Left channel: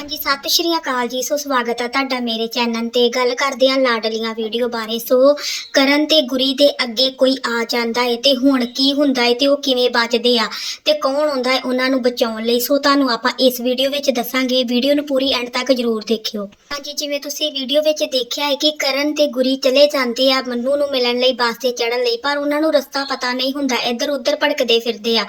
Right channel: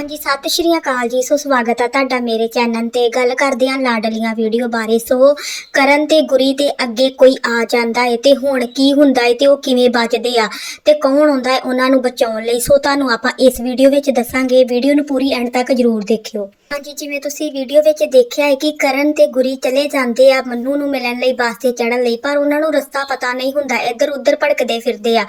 ਹਾਂਜੀ, ਸਤਿ ਸ਼੍ਰੀ ਅਕਾਲ ਜੀ। ਸੋ ਸਵਾਗਤ ਆ ਤੁਹਾਡਾ ਮੇਰੇ ਚੈਨਲ ਤੇ। ਗੱਲ ਕਰਦੇ ਹਾਂ ਲਾਡਲੀਆਂ ਵੀਡੀਓ ਬਾਰੇ। ਸੋ ਕਰਨ ਤੇ ਗੁਰੀ ਦੇ ਅੱਗੇ ਕੋਈ ਆ ਜਾਂਦਾ ਹੈ ਤੇ ਹੁਣ ਕੀ ਹੁੰਦਾ ਹੈ ਤੇ ਉਹ ਕਿਵੇਂ ਬਚਦੇ ਆ ਤੇ ਕੌਣ ਹੁੰਦਾ ਹੈ ਉਹਨਾਂ ਨੂੰ ਬਚਾਉਣ ਲਈ। ਸੋ ਤੁਹਾਨੂੰ ਆਪਾਂ ਇਸ ਵੀਡੀਓ ਵਿੱਚ ਦੱਸਾਂਗੇ। ਵੀਡੀਓ ਨੂੰ ਪੂਰੀ ਐਂਡ ਤੱਕ ਜਰੂਰ ਦੇਖਿਓ। ਹਾਂਜੀ, ਜਿਵੇਂ ਤੁਸੀਂ ਵੀਡੀਓ ਵਿੱਚ ਦੇਖਿਆ ਹੈ ਕਿ ਕਰਨ ਤੇ ਗੁਰੀ ਚਲੇ ਜਾਂਦੇ ਆ, ਮੰਨੂ ਨੂੰ ਮਿਲਣ ਲਈ ਬੱਸ ਤੇ ਚੜਨ ਲਈ, ਪਰ ਉਹਨਾਂ ਨੂੰ ਰਸਤਾ ਪਤਾ ਨਹੀਂ ਹੁੰਦਾ। ਇੱਧਰ ਉੱਧਰ ਭਟਕਦੇ ਫਿਰਦੇ ਆ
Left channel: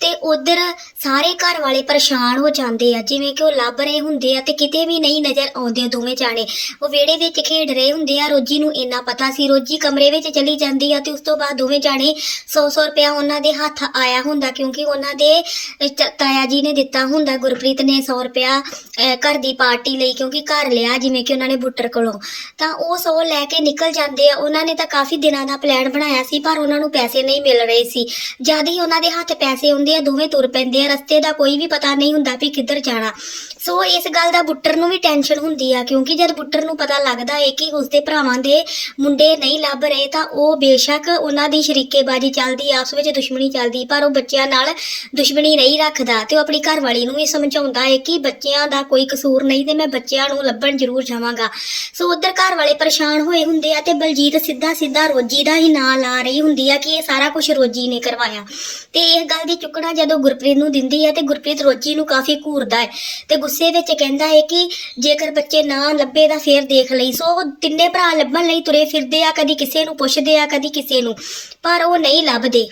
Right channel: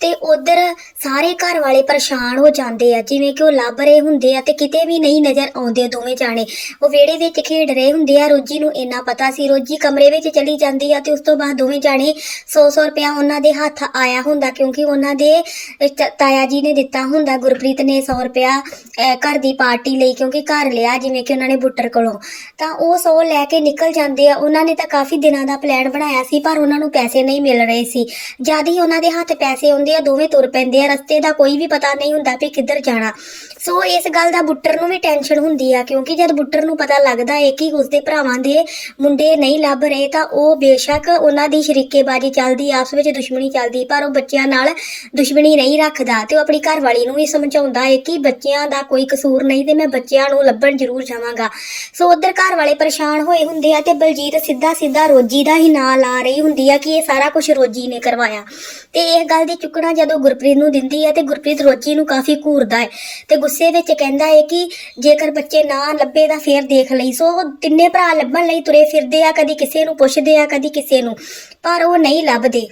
ਤੇ ਉੱਧਰ ਸਾਰੇ ਘਰ ਵਾਲੇ ਪਰੇਸ਼ਾਨ ਹੋ ਜਾਂਦੇ ਆ। ਜਿਵੇਂ ਕਿ ਉਹ ਲੱਭ ਰਹੇ ਹੁੰਦੇ ਹੁੰਦੇ ਆ ਤੇ ਕਿਤੇ ਵੀ ਨਹੀਂ ਨਜ਼ਰ ਆਉਂਦੇ ਦੋਵੇਂ ਜਾਣੇ। ਉਹ ਵਿਹੜੇ ਵਿੱਚ ਖੇਡ ਰਹੇ ਹੁੰਦੇ ਆ, ਰੋਜੀ ਨੂੰ ਇੰਨਾ ਪਤਾ ਸੀ। ਰੋਜੀ ਕਮਰੇ ਵਿੱਚ ਚਲੀ ਜਾਂਦੀ ਆ ਤੇ ਉਸ ਤੋਂ ਬਾਅਦ ਦੋਵੇਂ ਜਾਣੇ 100-100 ਰੁਪਇਆ ਉਹਨਾਂ ਦੇ ਹੱਥ ਆਇਆ ਹੁੰਦਾ, ਕਿਉਂਕਿ ਉਹਨਾਂ ਦੇ ਤਾਇਆ ਜੀ ਨੇ ਦਿੱਤਾ ਹੁੰਦਾ, ਗੁਰਪ੍ਰੀਤ ਨੇ 100 ਰੁਪਇਆ ਘਰ ਦੀ ਪਾਰਟੀ ਲਈ, ਕਿਉਂਕਿ ਘਰ ਲਿਆ ਜਿਵੇਂ ਕਿ ਉਹਨਾਂ ਨੇ ਬੁੱਟਰ ਕੋਲੋਂ। ਤਾਂ ਉਹ 100 ਲੈ ਕੇ ਨਿਕਲ ਜਾਂਦੇ ਆ। ਉਹਨਾਂ ਨੇ ਤਾਂ ਕਾਫੀ ਦਿਨਾਂ ਦਾ ਪਲਾਨ ਬਣਾਇਆ ਸੀ, ਪਰ ਉਹਨਾਂ ਨੂੰ ਪੈਸੇ ਨਹੀਂ ਮਿਲ ਰਹੇ ਸੀ। ਜਦ ਹੀ ਉਹਨਾਂ ਦੇ ਹੱਥ ਪੈਸੇ ਹੁੰਦੇ ਆ, ਦੋਵੇਂ ਤੁਰ ਪੈਂਦੇ ਆ। ਰਸਤੇ ਦਾ ਕੋਈ ਵੀ ਪਤਾ ਨਹੀਂ ਹੁੰਦਾ ਵੀ ਕਿੱਧਰ ਜਾਣਾ। ਸੋ ਇਸ ਇਸ ਗੱਲ ਦਾ ਬੁੱਟਰ ਨੂੰ ਵੀ ਟੈਨਸ਼ਨ ਹੁੰਦੀ ਆ, ਕਿਉਂਕਿ ਜਦ ਬੁੱਟਰ ਨੂੰ ਪਤਾ ਲੱਗਦਾ ਹੈ ਕਿ ਉਸਦੇ ਭਰਾਵਾਂ ਦੇ ਮੁੰਡੇ ਨਹੀਂ ਲੱਭ ਰਹੇ, ਤਾਂ ਉਹ ਬੇਸ਼ੱਕ ਉਹਨਾਂ ਦੀ ਸ਼ਰੀਕੇਬਾਜ਼ੀ ਚੱਲਦੀ ਆਪਸ ਵਿੱਚ ਦੁਸ਼ਮਣੀ ਚੱਲਦੀ, ਪਰ ਉਹ ਬੱਚਿਆਂ ਨਾਲ ਦੁਸ਼ਮਣੀ ਨਹੀਂ ਰੱਖਦਾ ਤੇ ਉਹ ਆਪਣੀ ਘਰਵਾਲੀ ਨੂੰ ਵੀ ਸਮਝਾਉਂਦਾ ਹੈ ਕਿ ਬੱਚਿਆਂ ਦਾ ਕੋਈ ਕਸੂਰ ਨਹੀਂ ਤੇ ਮੈਂ ਬੱਚਿਆਂ ਨੂੰ ਲੱਭਣ ਜ਼ਰੂਰ ਜਾਵਾਂਗਾ। ਸੋ ਉਧਰ ਘਰ ਵਾਲੇ ਪਰੇਸ਼ਾਨ ਹੋਏ ਹੁੰਦੇ ਆ ਤੇ ਬਲਜੀਤ ਸਿੱਧਾ ਸਿੱਧਾ ਰੋਜੀ ਦਾ ਹੀ ਨਾਂ ਲਾ ਰਹੀ ਹੁੰਦੀ ਆ ਕਿ ਇਹ ਸਾਰਾ ਕੁਝ ਰੋਜੀ ਨੇ ਕਰਵਾਇਆ। ਤੇ ਇਹ ਗੱਲ ਦੀ ਚੁੱਕਣਾ ਜਦੋਂ ਗੁਰਪ੍ਰੀਤ ਨੂੰ ਦਿੰਦੀ ਹੈ ਤੇ ਗੁਰਪ੍ਰੀਤ ਰੋਜੀ ਨੂੰ ਕਾਫੀ ਘੂਰਦਾ ਹੈ ਤੇ ਗੁੱਸੇ ਵਿੱਚ ਕਹਿੰਦਾ ਹੈ ਕਿ ਜੇਕਰ ਬੱਚੇ ਨਾ ਲੱਭੇ ਤਾਂ ਫੇਰ ਦੇਖ ਲਈ। ਸੋ ਉਹ ਤਿੰਨੇ ਭਰਾ ਲੱਭਣ ਲਈ ਤੁਰੇ ਫਿਰਦੇ ਆ, ਕਦੀ ਕਿਸੇ ਨੂੰ ਪੁੱਛਦੇ ਆ, ਕਦੀ ਕਿਸੇ ਨੂੰ। ਪਰ ਉਹ ਨਹੀਂ ਲੱਭਦੇ।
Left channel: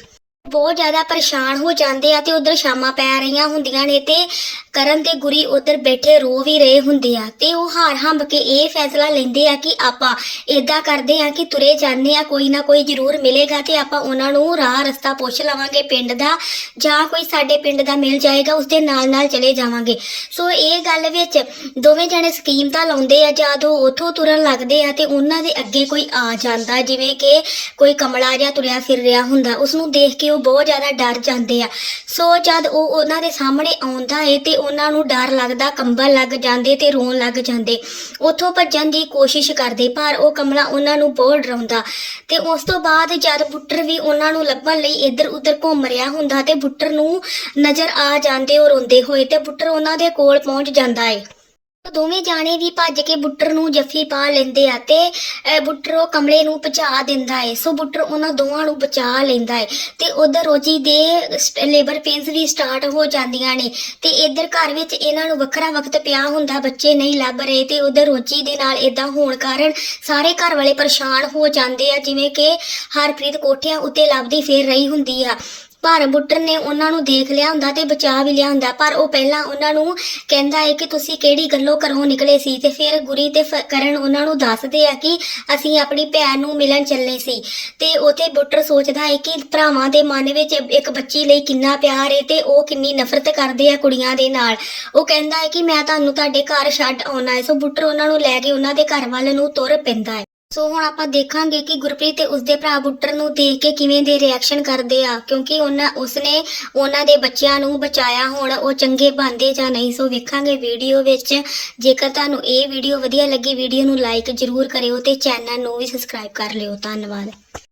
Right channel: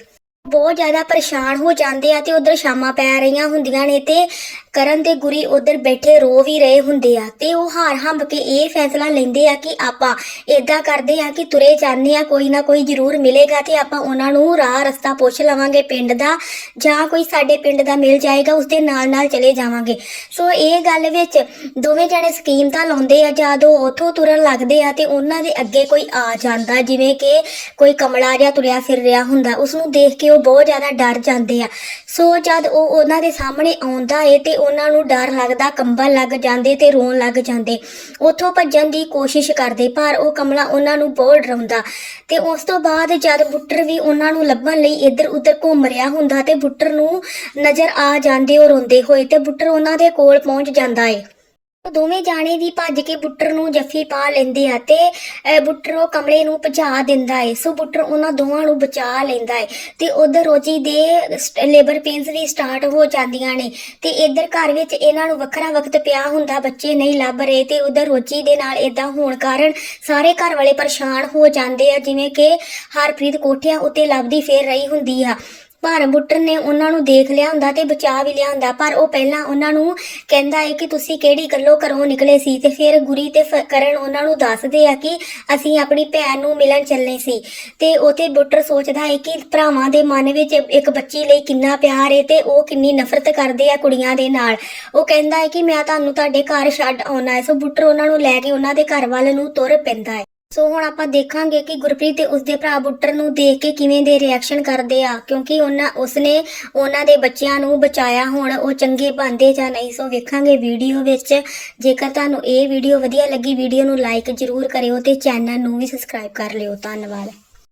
ਬਹੁਤ ਜ਼ਿਆਦਾ ਪਰੇਸ਼ਾਨ ਹੋ ਜਾਂਦੇ ਆ ਤੇ ਉਧਰ ਸ਼ਾਮਾਂ ਪੈ ਰਹੀਆਂ ਹੁੰਦੀਆਂ ਨੇ ਤੇ ਕਰਨ ਤੇ ਗੁਰੀ ਉਧਰ ਬੈਠੇ ਰੋ ਵੀ ਰਹੇ ਹੁੰਦੇ ਆ ਤੇ ਉਹ ਹਾਰ ਹੰਬ ਕੇ ਇਹ ਫੈਸਲਾ ਲੈਂਦੇ ਆ ਕਿ ਆਪਾਂ ਏਦਾਂ ਕਰਦੇ ਆ ਕਿ ਤੁਰੇ ਜਾਂਦੇ ਆ, ਕੋਈ ਨਾ ਕੋਈ ਜ਼ਰੂਰ ਮਿਲੇਗਾ ਤੇ ਆਪਾਂ ਉਹਨਾਂ ਨੂੰ ਰਾਹ ਰਸਤਾ ਪੁੱਛ ਲਵਾਂਗੇ ਪਿੰਡ ਦਾ ਜਾਂ ਕੋਈ ਸਾਡੇ ਪਿੰਡ ਦਾ ਮਿਲ ਜਾਏਗਾ ਉਸ ਦੇ ਨਾਲ ਨਾਲ ਚਲੇ ਜਾਵਾਂਗੇ। ਸੋ ਇਹ ਗੱਲ ਵਿੱਚ ਦੋਵੇਂ ਜਣੇ ਸਕੀਮ ਤਾਂ ਲਾਉਂਦੇ ਆ, ਜਦੋਂ ਉਥੋਂ ਤੁਰਨ ਲੱਗਦੇ ਆ ਤੇ ਉਹਨਾਂ ਦੇ ਅੱਗੇ ਕੋਈ ਆ ਜਾਂਦਾ, ਜਿਵੇਂ ਕਿ ਕੋਈ ਕਮਲਾ ਜਿਹਾ ਤੁਰਿਆ ਫਿਰ ਰਿਹਾ ਹੁੰਦਾ ਉਸ ਨੂੰ ਦੇਖ ਕੇ ਉਹ ਬਹੁਤ ਜ਼ਿਆਦਾ ਡਰ ਜਾਂਦੇ ਆ। ਸੋ ਜਦ ਉਹ ਉਹਨਾਂ ਦੇ ਸਾਹਮਣੇ ਆਉਂਦਾ ਏ ਤੇ ਉਹਨਾਂ ਨੂੰ ਡਰ ਲੱਗਦਾ, ਕੰਬਲ ਲੱਗ ਜਾਂਦੇ ਤੇ ਰੋਣ ਲੱਗ ਜਾਂਦੇ। ਉੱਥੋਂ ਭੱਜਣ ਦੀ ਕੋਸ਼ਿਸ਼ ਕਰਦੇ, ਪਰ ਉਹ ਕਮਲਾ ਉਹਨਾਂ ਨੂੰ ਬਹੁਤ ਡਰਾਉਂਦਾ। ਤੇ ਉਸ ਤੋਂ ਬਾਅਦ ਜਦ ਬੁੱਟਰ ਵੀ ਉਹਨਾਂ ਨੂੰ ਲੱਭਣ ਲਈ ਇੱਧਰ ਉੱਧਰ ਘੁੰਮ ਰਿਹਾ ਹੁੰਦਾ ਤੇ ਪੁੱਟਰ ਨੂੰ ਨਜ਼ਰ ਆ ਜਾਂਦੇ ਉਹ ਰੋਂਦੇ ਹੋਏ ਤੇ ਬੁੱਟਰ ਉਹਨਾਂ ਦੇ ਕੋਲ ਪਹੁੰਚ ਜਾਂਦਾ ਏ। ਦੋਵੇਂ ਜਾਣੇ ਵੀ ਭੱਜ ਕੇ ਬੁੱਟਰ ਨੂੰ ਜੱਫੀ ਪਾ ਲੈਂਦੇ ਆ ਤੇ ਬੁੱਟਰ ਉਹ ਕਮਲੇ ਨੂੰ ਪਹੁੰਚਾ ਦਿੰਦਾ ਏ। ਸੋ ਬੁੱਟਰ ਉਹਨਾਂ ਦੋਵਾਂ ਨੂੰ ਬਚਾ ਲੈਂਦਾ ਏ ਤੇ ਉਧਰ ਰੋਜੀ ਦੇ ਲੇਬਰ ਪੇਨਸ ਵੀ ਸਟਾਰਟ ਹੋ ਜਾਂਦੀਆਂ ਨੇ ਤੇ ਇੱਧਰ ਘਰ ਵਿੱਚ ਇਹਨਾਂ ਨੂੰ ਵੱਖਰਾ ਵਕਤ ਪਿਆ ਹੁੰਦਾ, ਬੱਚੇ ਨਹੀਂ ਲੱਭ ਰਹੇ ਤੇ ਉਧਰ ਰੋਜੀ ਦੇ ਨਾਲ ਇਦਾਂ ਹੋਣ ਕਾਰਨ ਸਾਰੇ ਘਰ ਵਾਲੇ ਪਰੇਸ਼ਾਨ ਹੋ ਜਾਂਦੇ ਆ, ਜਿਵੇਂ ਕਿ ਹਰਪ੍ਰੀਤ ਕੋਠਿਆਂ ਉੱਤੇ ਲੱਭਦੀ ਫੇਰ ਰਹੀ ਹੁੰਦੀ ਆ। ਪਰ ਬੁੱਟਰ ਨੇ ਉਹਨਾਂ ਨੂੰ ਦੇਖ ਲਿਆ ਹੁੰਦਾ ਤੇ ਬਚਾ ਵੀ ਲਿਆ ਹੁੰਦਾ, ਪਰ ਉਹ ਪਹਿਲਾਂ ਉਹਨਾਂ ਨੂੰ ਕਹਿੰਦਾ ਹੈ ਕਿ ਤੁਸੀਂ ਕਿਹੜੀ ਗੱਲੋਂ ਘਰੋਂ ਨਿਕਲੇ ਸੀ ਤੇ ਫਿਰ ਗੁਰੀ ਤੇ ਫ- ਕਰਨ ਉਹਨਾਂ ਨੂੰ ਦੱਸਦੇ ਆ ਕਿ ਅਸੀਂ ਆਪਣੀ ਭੈਣ ਨੂੰ ਮਿਲਣ ਚੱਲੇ ਸੀ। ਤੇ ਉਥੇ ਬੁੱਟਰ ਸੋਚਦਾ ਹੈ ਕਿ ਭਰਾਵਾਂ ਦੇ ਮਨ ਵਿੱਚ ਇੱਕ ਬੱਚੀ ਲਈ ਕਿੰਨਾ ਪਿਆਰ ਹੈ ਤੇ ਉਹ ਕਿੰਨੀ ਨਫ਼ਰਤ ਕਰਦੇ ਆ ਕੁੜੀਆਂ ਦੇ ਨਾਲ। ਉਹ ਕਹਿੰਦਾ ਹੈ ਕਿ ਮੈਂ ਤੁਹਾਨੂੰ ਤੁਹਾਡੇ ਘਰ ਛੱਡ ਆਉਣਾ ਹੈ, ਸੋ ਬੁੱਟਰ ਉਹਨਾਂ ਨੂੰ ਲੈ ਕੇ ਉਹਨਾਂ ਦੇ ਘਰ ਵੱਲ ਨੂੰ ਤੁਰ ਪੈਂਦਾ ਹੈ। ਸੋ ਹੁਣ ਆਪਾਂ ਦੇਖਾਂਗੇ ਕਿ ਗੁਰਪ੍ਰੀਤ ਤੇ ਉਸਦੇ ਭਰਾ ਬੁੱਟਰ ਨੂੰ ਦੇਖ ਕੇ ਕਿਵੇਂ ਦੇ ਰਿਐਕਸ਼ਨ ਕਰਦੇ ਆ, ਕਿਉਂਕਿ ਉਹਨਾਂ ਉਸਨੇ ਉਹਨਾਂ ਦੇ ਬੱਚਿਆਂ ਨੂੰ ਬਚਾਇਆ, ਹੁਣ ਉਹ ਚੰਗੇ ਬਣਦੇ ਜਾਂ ਨਹੀਂ, ਸੋ ਵੇਖਾਂਗੇ ਵੀਡੀਓ ਵਿੱਚ। ਜੇਕਰ ਤੁਹਾਨੂੰ ਇਹ ਵੀਡੀਓ ਵਧੀਆ ਲੱਗੀ ਵੀਡੀਓ ਨੂੰ ਲਾਈਕ ਜ਼ਰੂਰ ਕਰਿਓ ਤੇ ਚੈਨਲ ਨੂੰ ਵੀ ਸਬਸਕ੍ਰਾਈਬ ਕਰ ਲਿਓ। ਧੰਨਵਾਦ।